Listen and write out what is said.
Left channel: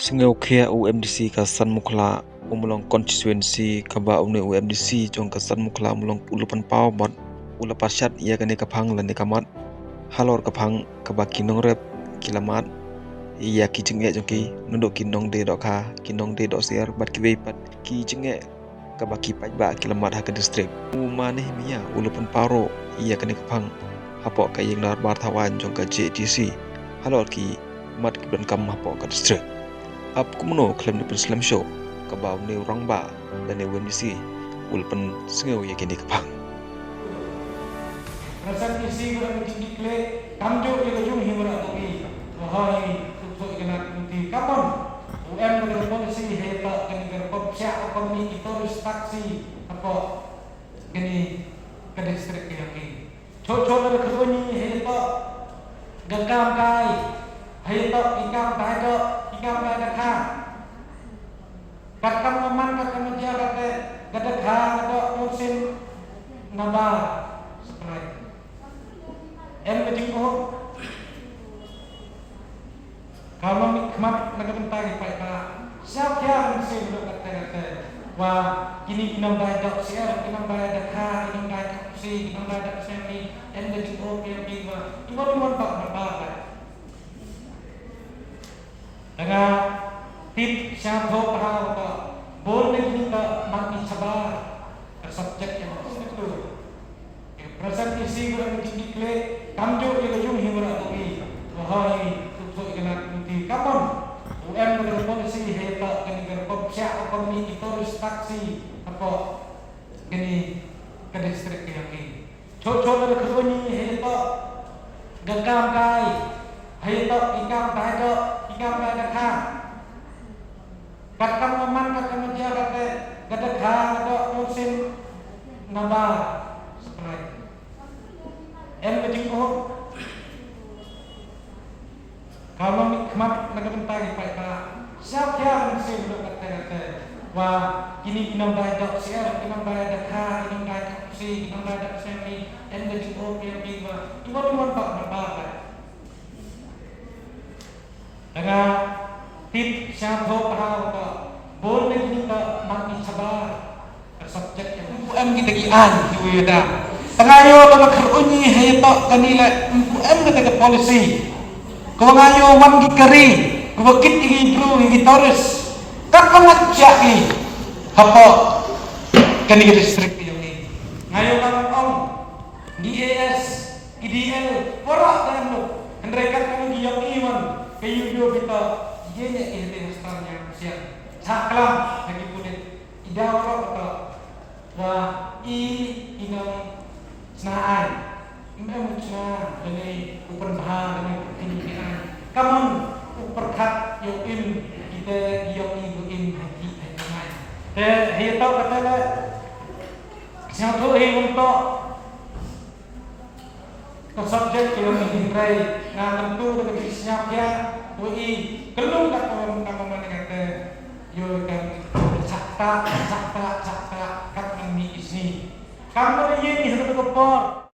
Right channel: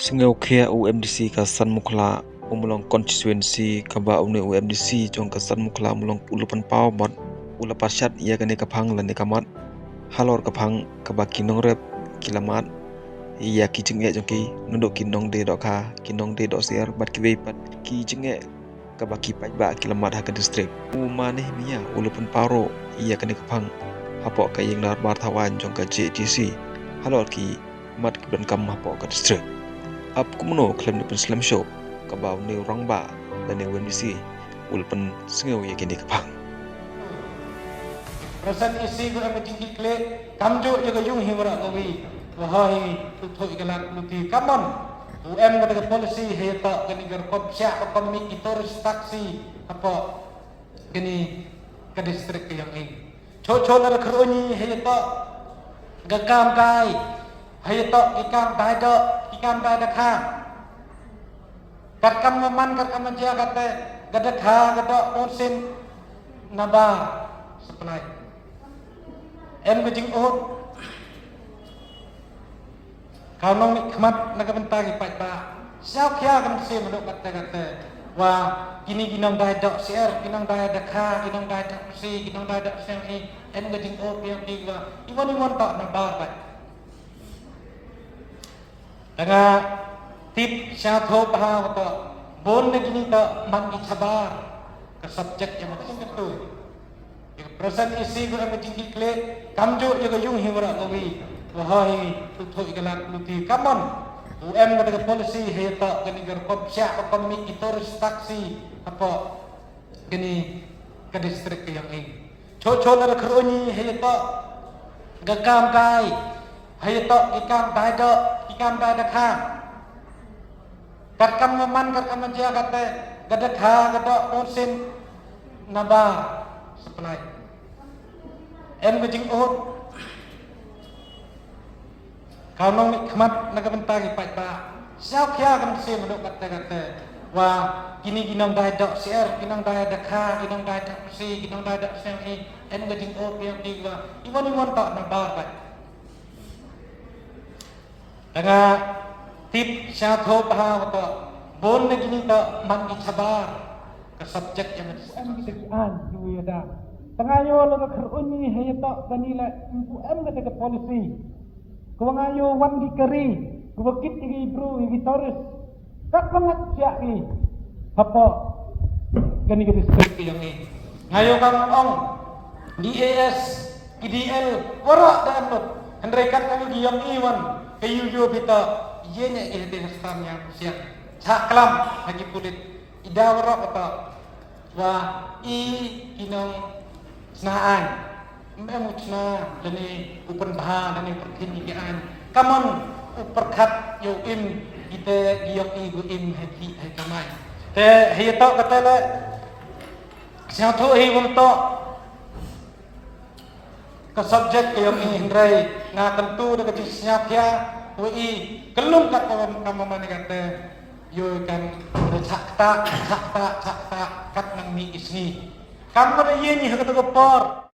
Singaukhia UMDC Kasan Mukla umulong constituency kaba umne UMDC jong Kasan Mukla mulong ulupan pau mod ula pasyat ia kene kapang lane kamat halor kapang kaba kinong rep kilamat ia kijenge jongki nunduk kinong de dokha kinong de dok siar bat kiwe pat kijenge kaba kipai ba kilamat ha distrik umane mia ulupan paro ia kene kapang hapok kayeng dar bar thawan jong ka JTC halor ki mat kibran kam hapok ka distrik ap kumno klem ni Slam Show kabau ne rangba dan ne WMDC ulpen sengau ya kini kapang Rasan isi guna petinggi kle kamjo jaga jung himra tawi wahai tutu ikanat muti kapan UM dengan polisi heta kini gerpop syak ekonomi kita taksi apa kini ke distrik yang ini co dari keruni heta gagam kai heta ikam kai dakha kat kam man kat kam jia kate gadak ha gadak usin naba supply Kejing oh kalau khmat nagabenta gi pai pa siap ya kan se mudak kata wah kini kinam dai dok siar kinam dai dakha kinam dai si kinam dai dak sem ni kejing oh yang tiga iwan mon tak nambah pai dengan tip siap ho pa ko bon ni kita mak sabar ke subjek yang itu Rasan isi guna petinggi kle kamjo jaga jung himra tawi wahai tutu ikanat muti kapan UM dengan polisi heta kini gerpop syak ekonomi kita taksi apa kini ke distrik yang ini co dari keruni heta gagam kai heta ikam kai dakha kat kam man kat kam jia kate gadak ha gadak usin naba supply kejing oh kalau khmat nagabenta gi pai pa siap ya kan se mudak kata wah kini kinam dai dok siar kinam dai dakha kinam dai si kinam dai dak sem ni kejing oh yang tiga iwan mon tak nambah pai dengan tip siap ho pa ko bon ni kita mak sabar ke subjek yang UM kita gi an yuda pengayo dalam kerunyi heta kanila UM kita polisi kau ngayo wan gi keri kau kit gi bru gi toris kat pengajak gi apa kani ke distrik yang ini ngayo kang ong di AS IDL warak dan henrekan kami di yang iwan ke yudo kita yene ilmu stam yang siap saklam lagi kulit ida warak apa wah inong senaan memang cina dani upan bahan dani perhimpian kaman uperkat yoim kita yoim yoim haki hakamai te hito kata le siapa hi untuk ke subjek yang hingrai na tentu dengan siap ya wi kelum kat kawan kawan kata yo kan sakta kat nang mi isni kamu ini hendak berpor